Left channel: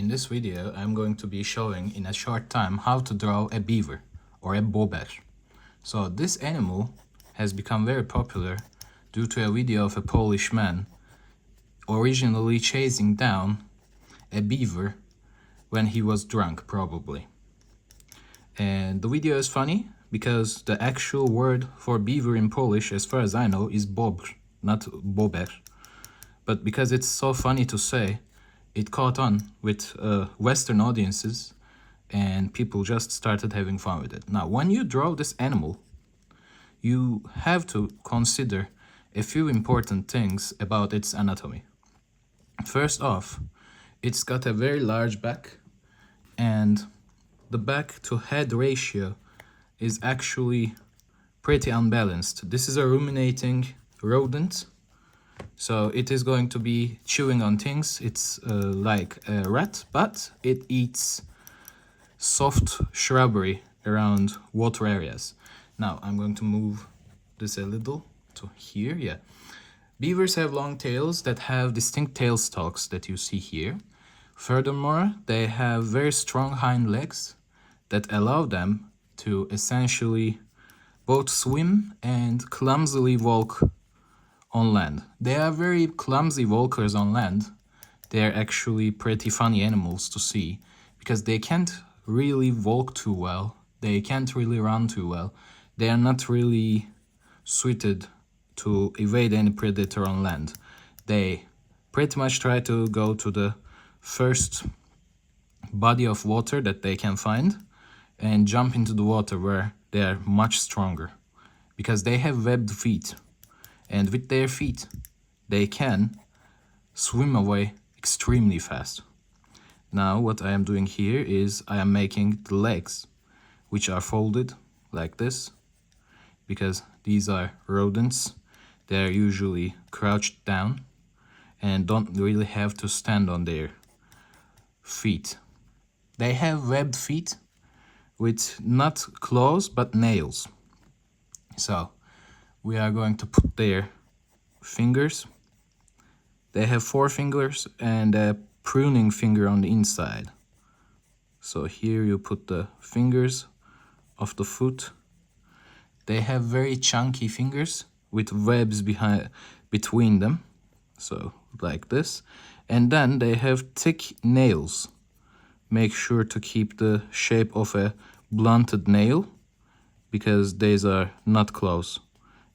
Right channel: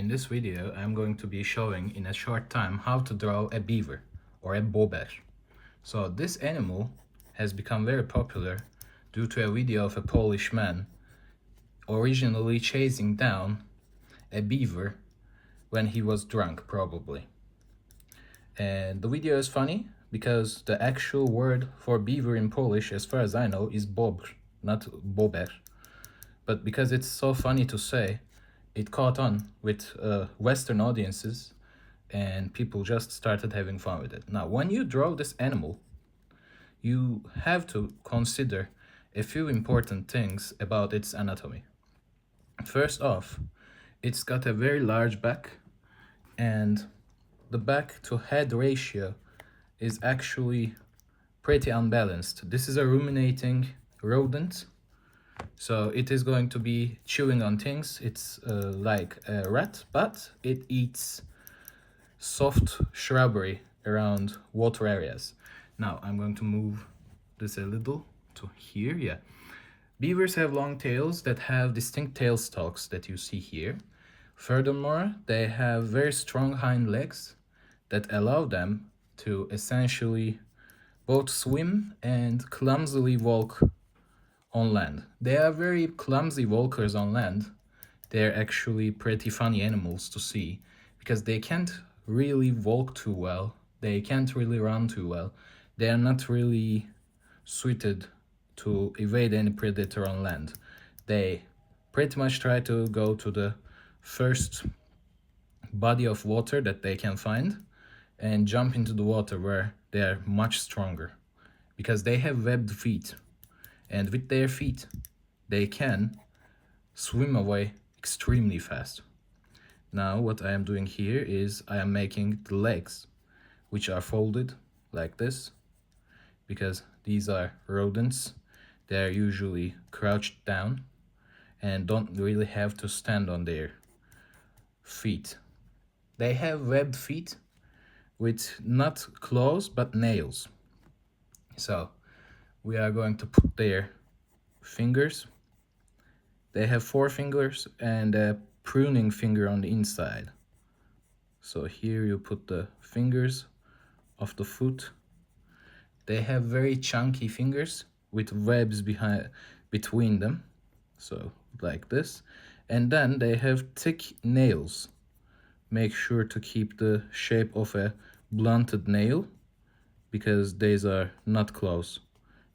In this video, I'm going to be showing in a short time how to draw a beaver or a bobber. So this animal has become very popular due to a video of a Polish man originally chasing down a beaver when he was drunk, probably. And the video is funny because the actual word for beaver in Polish, as far as I know, is bobr, not bober. But because it's so funny to say, it caught on with Western audiences and people just started having fun with it. Now, when you draw this animal, you have to consider a few important things about its anatomy. First off, it's got a very large back, and the back to head ratio is actually pretty unbalanced. This is a ruminating rodent, so it is going to be chewing on things. It's like a rat, but it eats soft shrubbery around water areas. Now I'm going to move this a little to here. Yeah, beavers have long tails that have distinct tail stalks that you see here. Furthermore, they have very strong hind legs that allow them to essentially both swim and clumsily walk on land. They are very clumsy walkers on land. They're actually pretty funny animals to see because they can't really walk too well. They can't really run too well. They are not really suited to evade any predator on land. They pretty much try to go to the first body of water that they can find and jump into the water where they are much stronger because they have webbed feet, and with their feet they can swim away extremely fast. Now what I am doing here is I am making the legs, which are folded like this because these are rodents. They are usually crouched down and don't really have to stand on their feet. They have webbed feet with not claws but nails. So we are going to put their fingers. They have 4 fingers and a pruning finger on the inside. So here you put the fingers of the foot. They have very chunky fingers with webs between them, so like this. And then they have thick nails. Make sure to keep the shape of a blunted nail because these are not claws.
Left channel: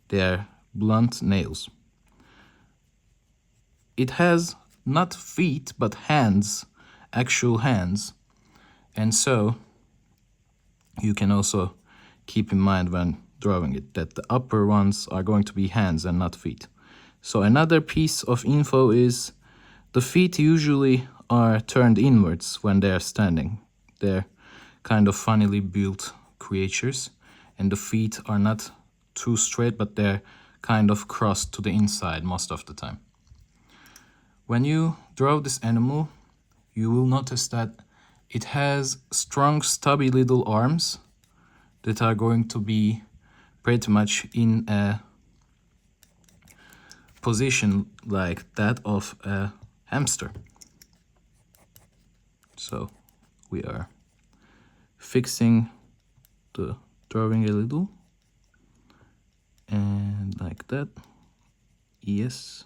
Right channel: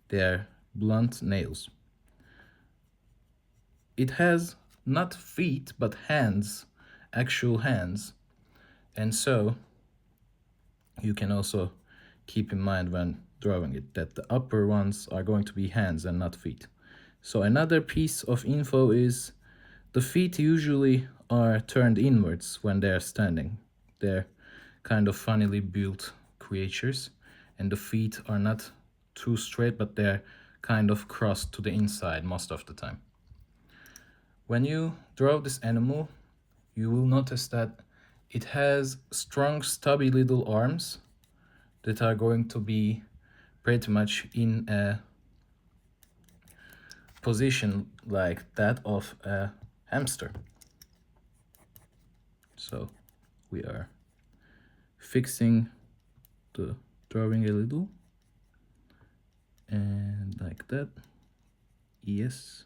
They are blunt nails. It has not feet but hands, actual hands, and so you can also keep in mind when drawing it that the upper ones are going to be hands and not feet. So another piece of info is the feet usually are turned inwards when they are standing. They're kind of funnily built creatures, and the feet are not too straight but they're kind of crossed to the inside most of the time. When you draw this animal, you will notice that it has strong stubby little arms that are going to be pretty much in a position like that of a hamster. So we are fixing the drawing a little and like that. Yes.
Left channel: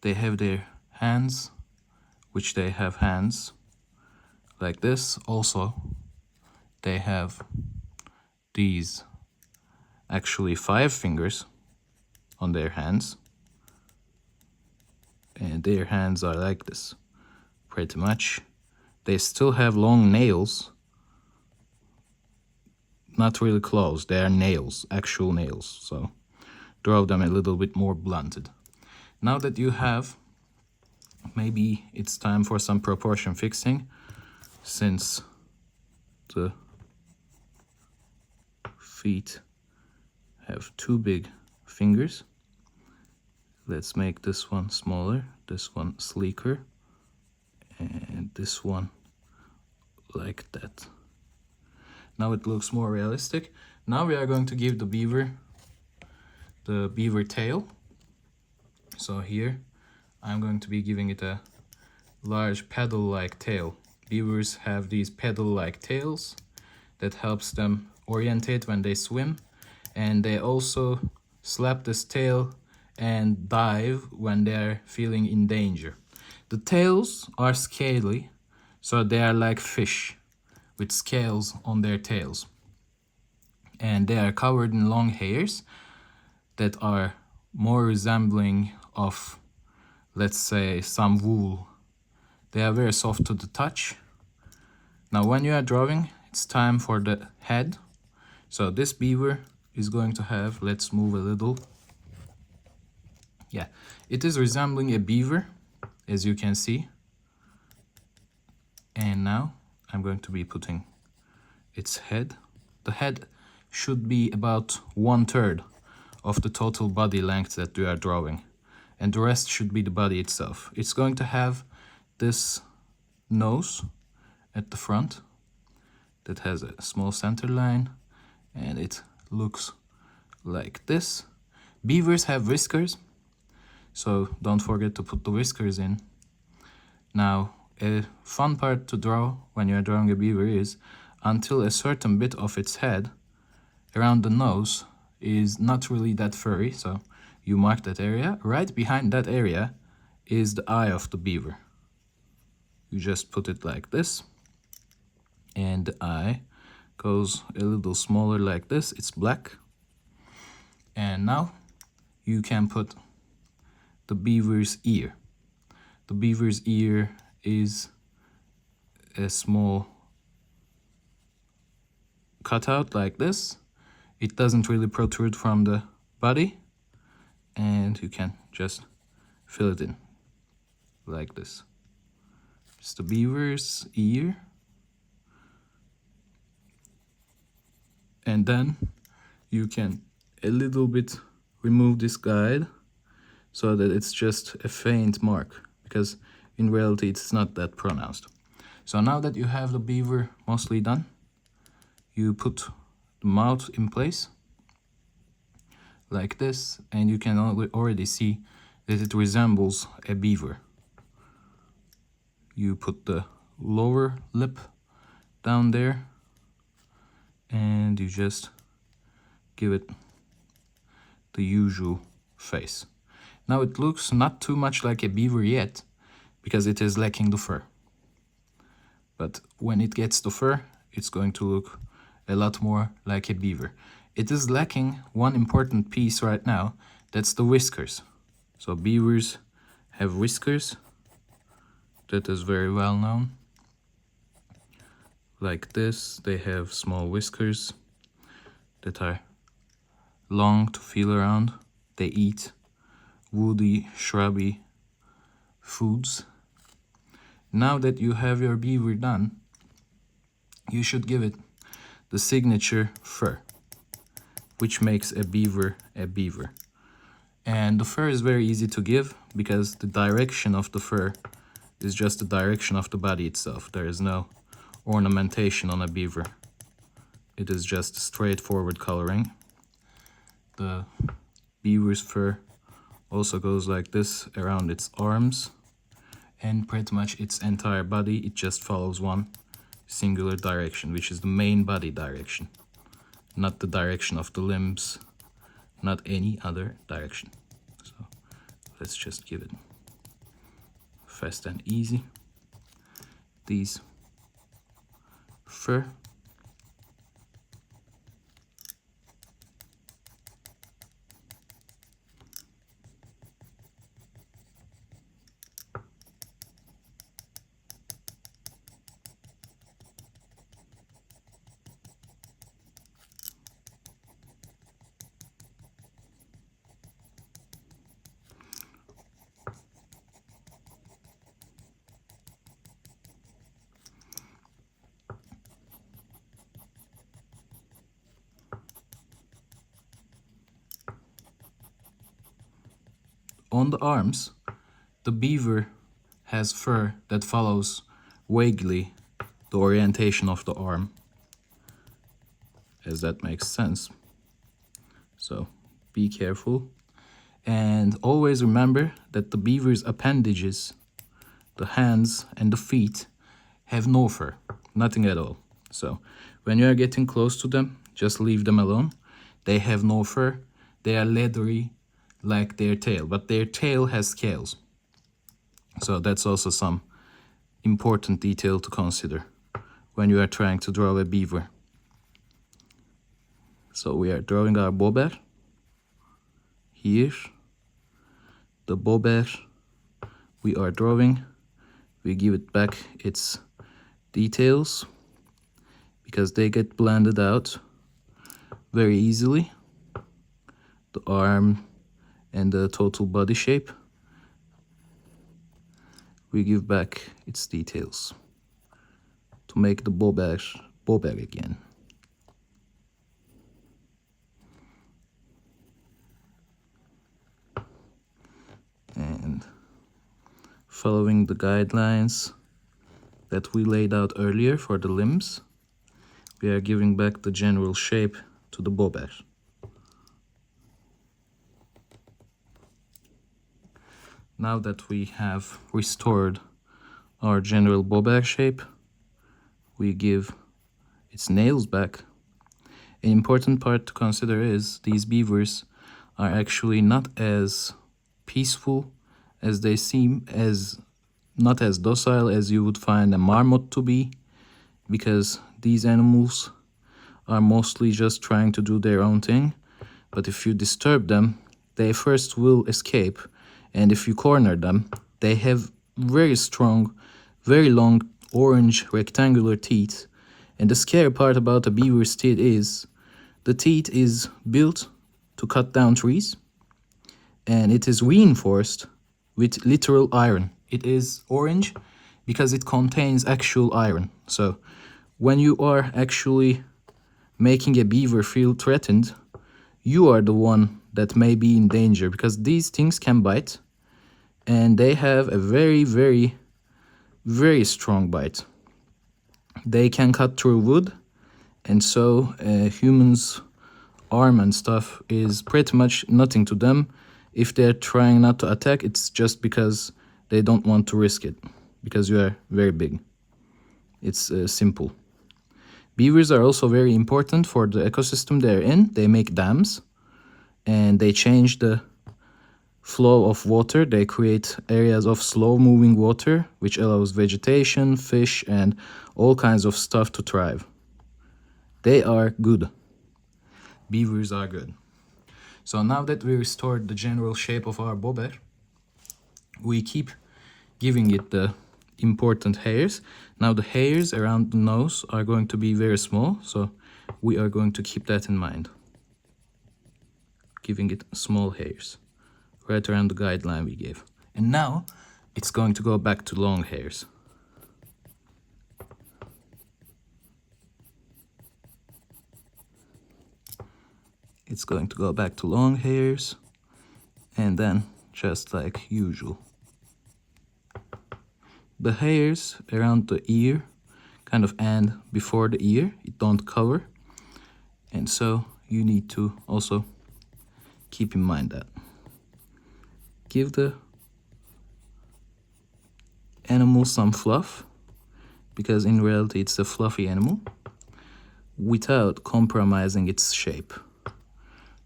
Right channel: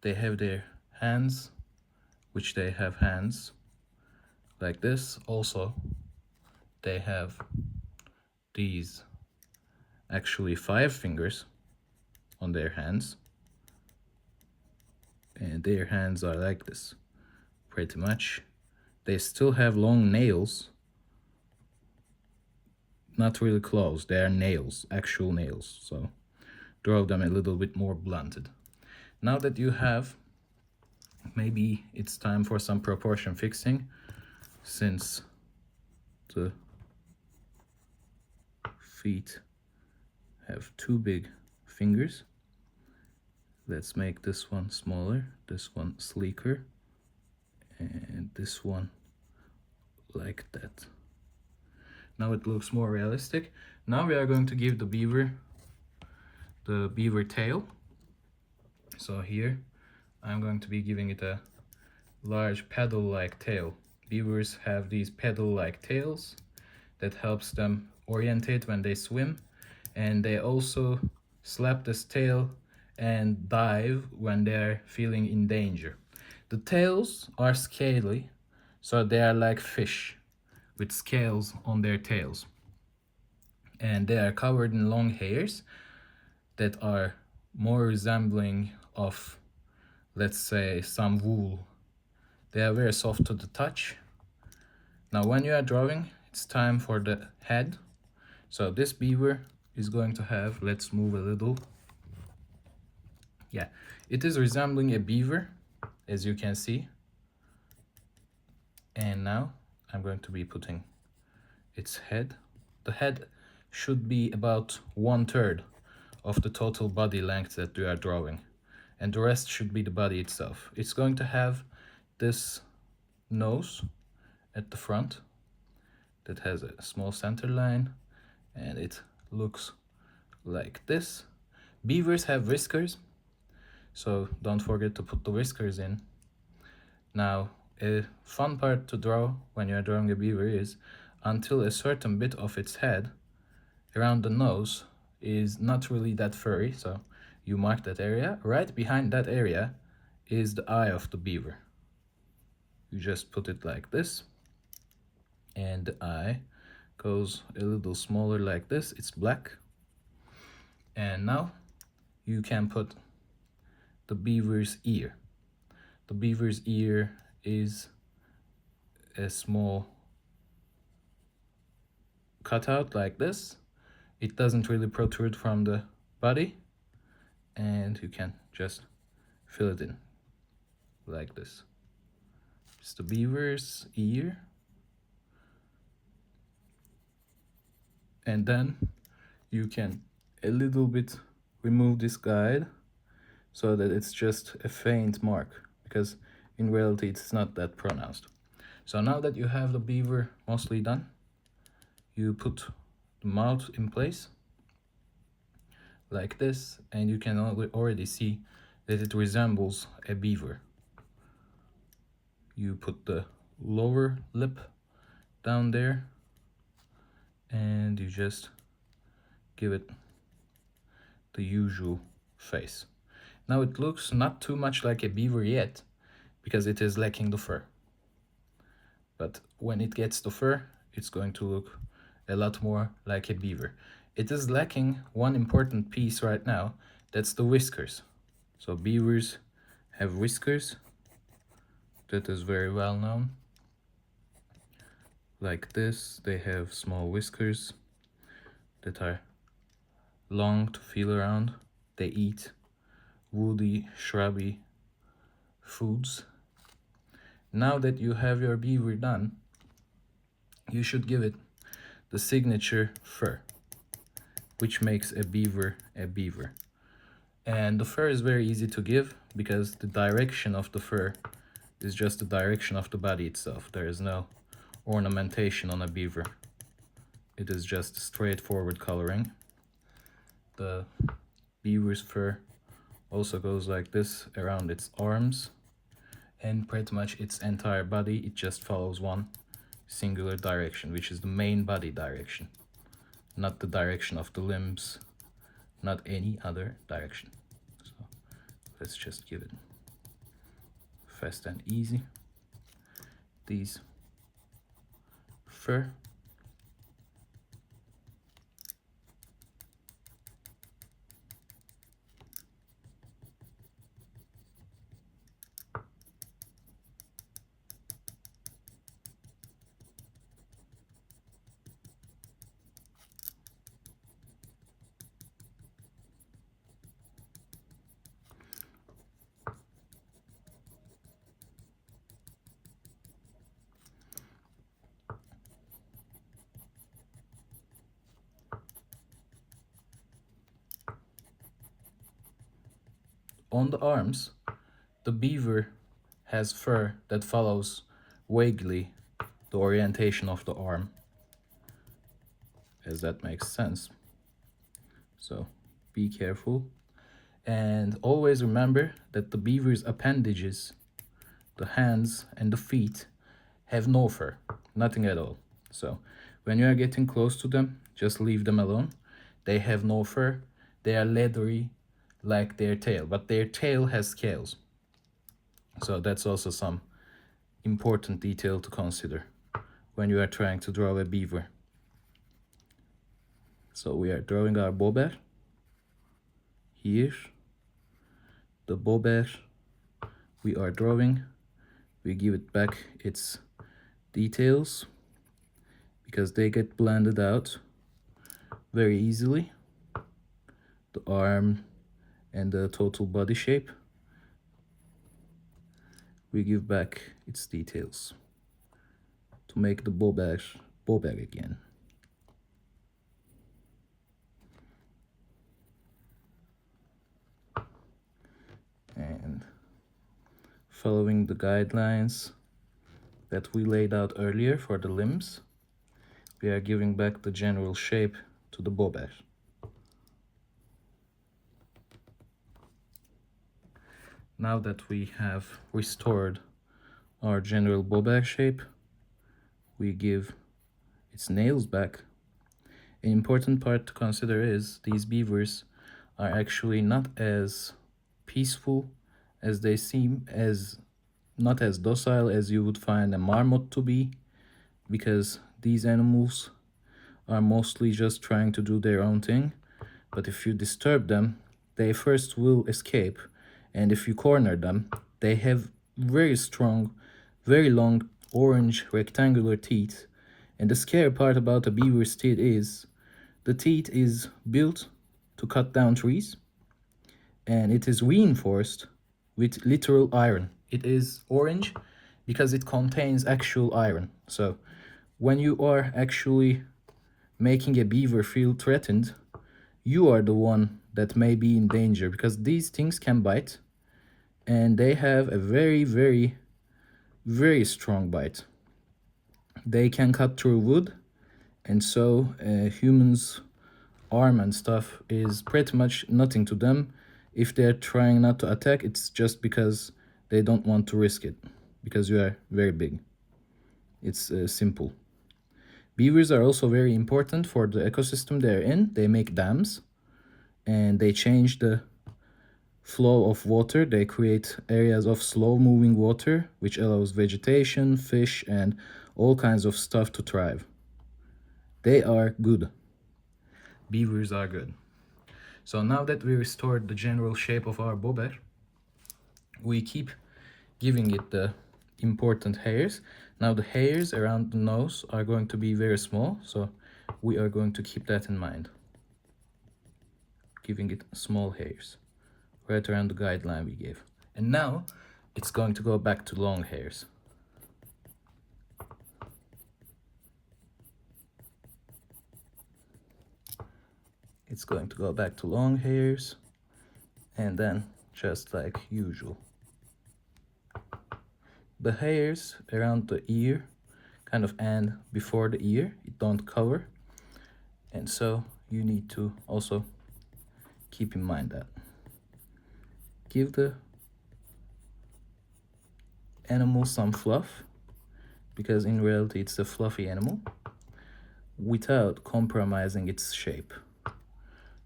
They have their hands, which they have hands like this. Also, they have these actually 5 fingers on their hands, and their hands are like this pretty much. They still have long nails, not really claws, they are nails, actual nails, so draw them a little bit more blunted. Now that you have, maybe it's time for some proportion fixing, since the feet have 2 big fingers. Let's make this one smaller, this one sleeker, and this one like that. Now it looks more realistic. Now we are going to give the beaver tail. So here I'm going to be giving it a large paddle-like tail. Beavers have these paddle-like tails that helps them orientate when they swim, and they also slap this tail and dive when they're feeling in danger. The tails are scaly, so they are like fish with scales on their tails, and they are covered in long hairs that are more resembling of, let's say, some wool. They are very soft to the touch. Now when you are drawing, it's time for the head. So this beaver is going to have, let's move a little. Yeah, it is resembling a beaver, as you can see. And now I'm going to be putting its head. The head should be about 1/3 of the total body length that you are drawing, and the rest should be the body itself. It's going to have this nose at the front that has a small center line, and it looks like this. Beavers have whiskers, so don't forget to put the whiskers in. Now, a fun part to draw when you're drawing a beaver is until a certain bit of its head around the nose is not really that furry, so you mark that area. Right behind that area is the eye of the beaver. You just put it like this, and the eye goes a little smaller like this. It's black. And now you can put the beaver's ear. The beaver's ear is a small cutout like this. It doesn't really protrude from the body, and you can just fill it in like this. It's the beaver's ear. And then you can a little bit remove this guide so that it's just a faint mark, because in reality it's not that pronounced. So now that you have the beaver mostly done, you put the mouth in place like this, and you can already see that it resembles a beaver. You put the lower lip down there, and you just give it the usual face. Now it looks not too much like a beaver yet, because it is lacking the fur. But when it gets the fur, it's going to look a lot more like a beaver. It is lacking one important piece right now, that's the whiskers. So beavers have whiskers, that is very well known. Like this, they have small whiskers that are long to feel around. They eat woody, shrubby foods. Now that you have your beaver done, you should give it the signature fur, which makes a beaver a beaver. And the fur is very easy to give because the direction of the fur is just the direction of the body itself. There is no ornamentation on a beaver. It is just straightforward coloring. The beaver's fur also goes like this around its arms, and pretty much its entire body. It just follows one singular direction, which is the main body direction, not the direction of the limbs, not any other direction. So let's just give it fast and easy. These fur. On the arms, the beaver has fur that follows vaguely the orientation of the arm, as that makes sense. So be careful, and always remember that the beaver's appendages the hands and the feet have no fur, nothing at all. So when you are getting close to them, just leave them alone. They have no fur, they are leathery like their tail, but their tail has scales. So that's also some important detail to consider when you are trying to draw a beaver. So we are drawing our bear. Here, the bear we are drawing, we give it back its details because they get blended out very easily. The arm and the total body shape, we give back its details to make the bear again. And following the guidelines that we laid out earlier for the limbs, we are giving back the general shape to the bear. Now that we have restored our general bear shape, we give its nails back. An important part to consider is these beavers are actually not as peaceful as they seem, not as docile as you would find a marmot to be, because these animals are mostly just trying to do their own thing. But if you disturb them, they first will escape, and if you corner them, they have very strong, very long orange rectangular teeth. And the scary part about a beaver's teeth is the teeth is built to cut down trees, and it is reinforced with literal iron. It is orange because it contains actual iron. So when you are actually making a beaver feel threatened, you are the one that may be in danger, because these things can bite, and they have a very, very, very strong bite. They can cut through wood, and so a human's arm and stuff is pretty much nothing to them. If they're trying not to attack, it's just because they don't want to risk it, because you are very big. It's simple. Beavers are also very important for the ecosystem they're in. They make dams, and they change the flow of water. They create areas of slow-moving water, which allows vegetation, fish, and all kinds of stuff to thrive. They are good. Beavers are good. So now that we restored the general shape of our bear, we keep giving it the important hairs. Now the hairs around the nose are going to be very small, so we are going to keep that in mind. Giving it small hairs, right around the guideline we gave. And now it's going to go back to long hairs. It's going to go back to long hairs, and then just like usual. The hairs around the ear kind of end before the ear, it don't cover, and so you need to also keep in mind that. Give the animal some fluff, because in reality it's a fluffy animal, without compromising its shape.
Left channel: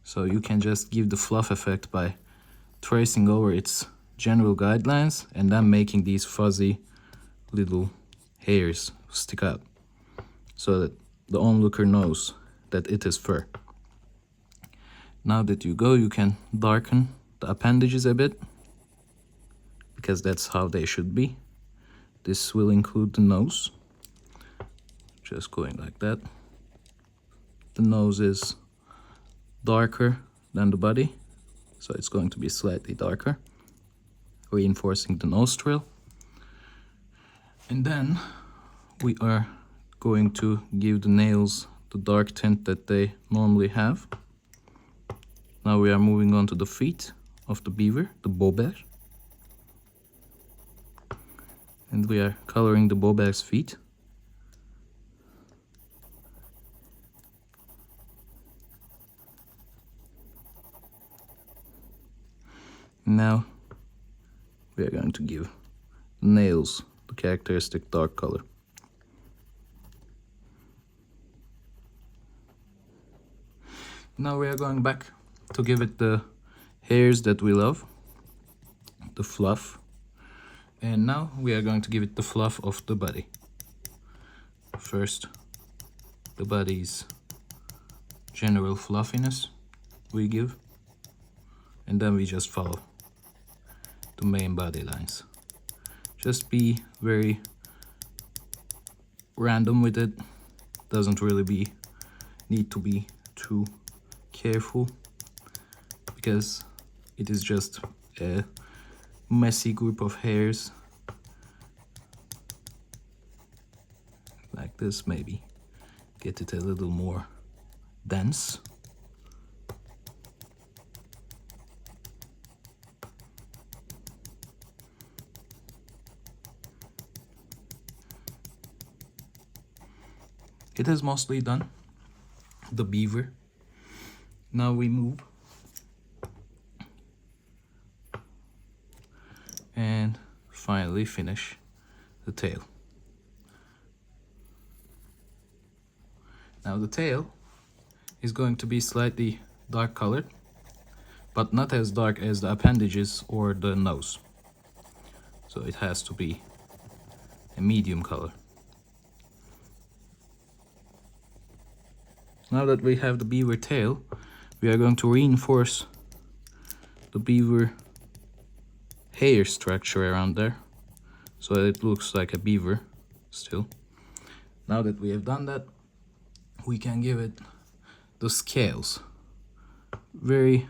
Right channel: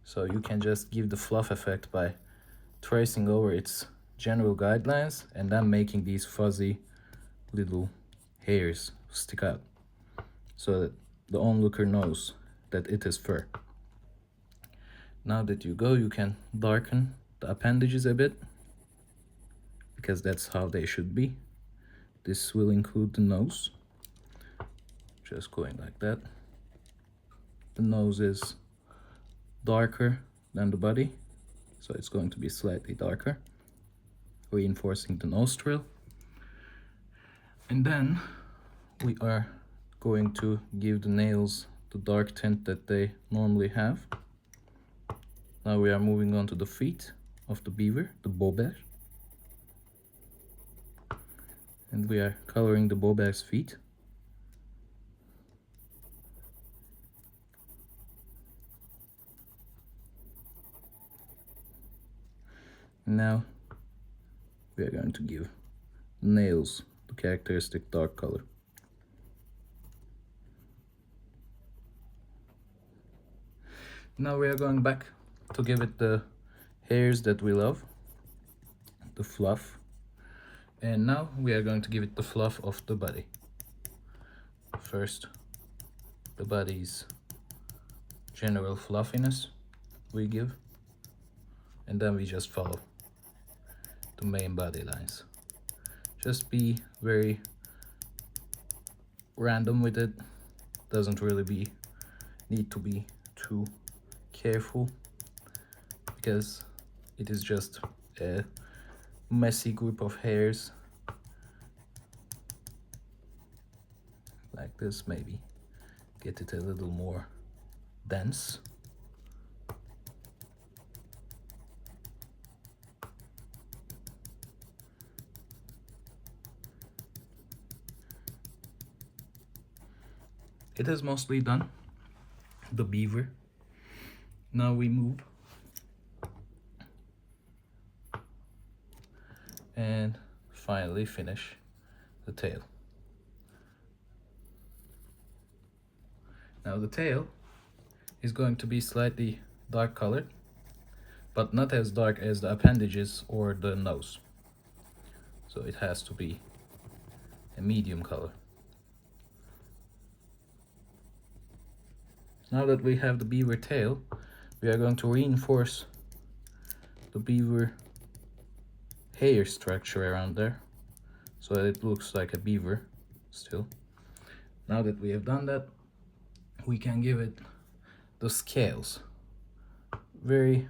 So you can just give the fluff effect by tracing over its general guidelines and then making these fuzzy little hairs stick out, so that the onlooker knows that it is fur. Now that you go, you can darken the appendages a bit, because that's how they should be. This will include the nose, just going like that. The nose is darker than the body, so it's going to be slightly darker, reinforcing the nostril. And then we are going to give the nails the dark tint that they normally have. Now we are moving on to the feet of the beaver, the bear. And we are coloring the bear's feet. Now we are going to give nails, the characteristic dark color. Now we are going back to give it the hairs that we love, the fluff. And now we are going to give it the fluff of the body. First, the body's general fluffiness we give, and then we just follow the main body lines. Just be very random with it. Doesn't really need to be too careful, because it is just a messy group of hairs. Like this, maybe get it a little more dense. It is mostly done, the beaver. Now we move and finally finish the tail. Now the tail is going to be slightly dark colored, but not as dark as the appendages or the nose. So it has to be a medium color. Now that we have the beaver tail, we are going to reinforce the beaver hair structure around there, so that it looks like a beaver still. Now that we have done that, we can give it the scales. Very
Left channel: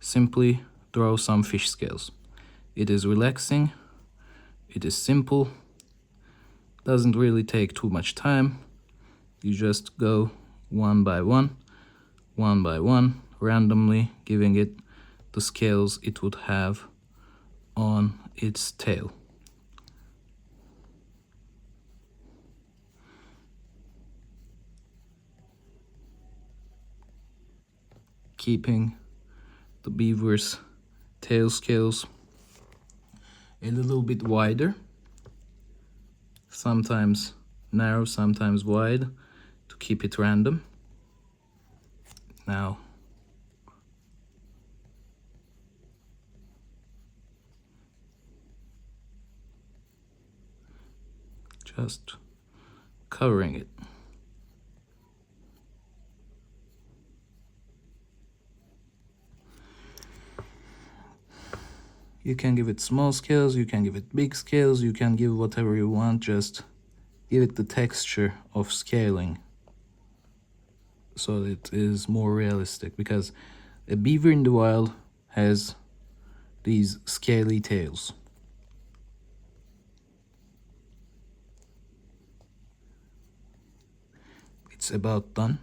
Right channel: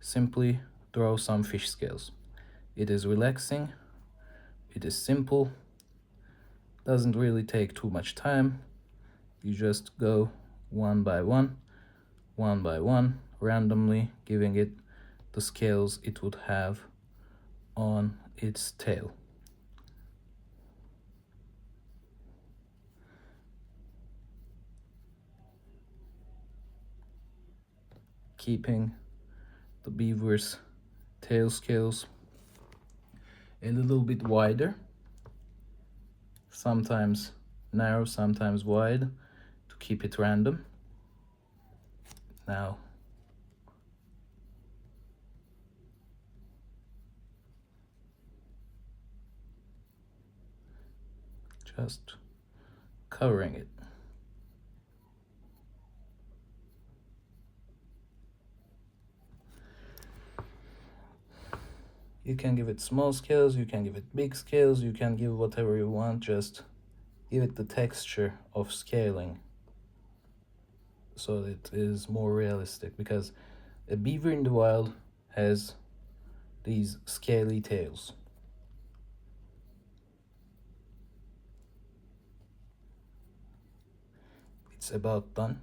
simply draw some fish scales. It is relaxing, it is simple, doesn't really take too much time. You just go one by one, randomly giving it the scales it would have on its tail. Keeping the beaver's tail scales a little bit wider, sometimes narrow, sometimes wide, to keep it random. Now just covering it. You can give it small scales, you can give it big scales, you can give whatever you want, just give it the texture of scaling so it is more realistic, because a beaver in the wild has these scaly tails. It's about done,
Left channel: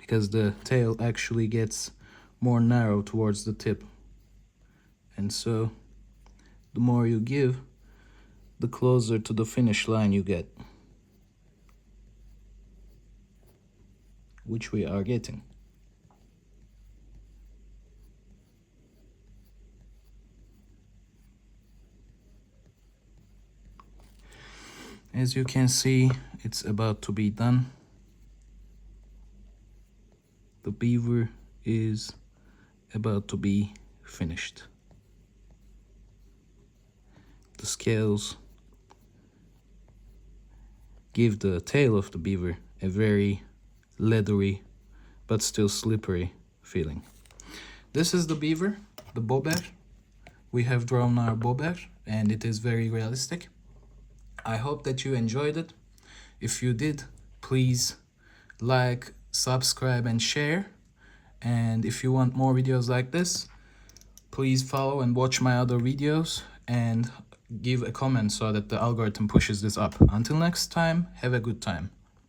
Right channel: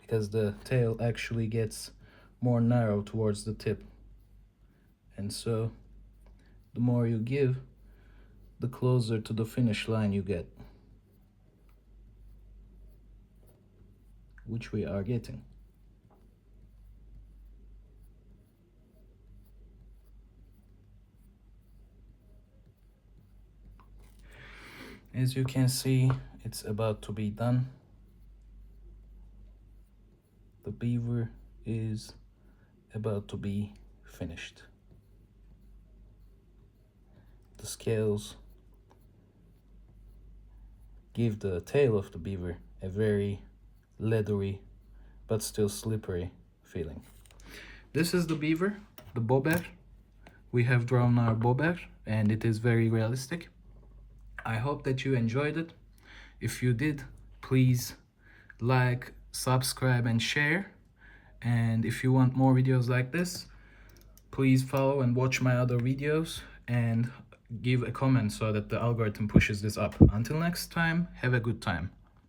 because the tail actually gets more narrow towards the tip. And so, the more you give, the closer to the finish line you get. Which we are getting. As you can see, it's about to be done. The beaver is about to be finished. The scales give the tail of the beaver a very leathery but still slippery feeling. This is the beaver, the bobber. We have drawn our bobber and it is very realistic. I hope that you enjoyed it. If you did, please like, subscribe and share. And if you want more videos like this, please follow and watch my other videos and give a comment so that the algorithm pushes this up. Until next time, have a good time.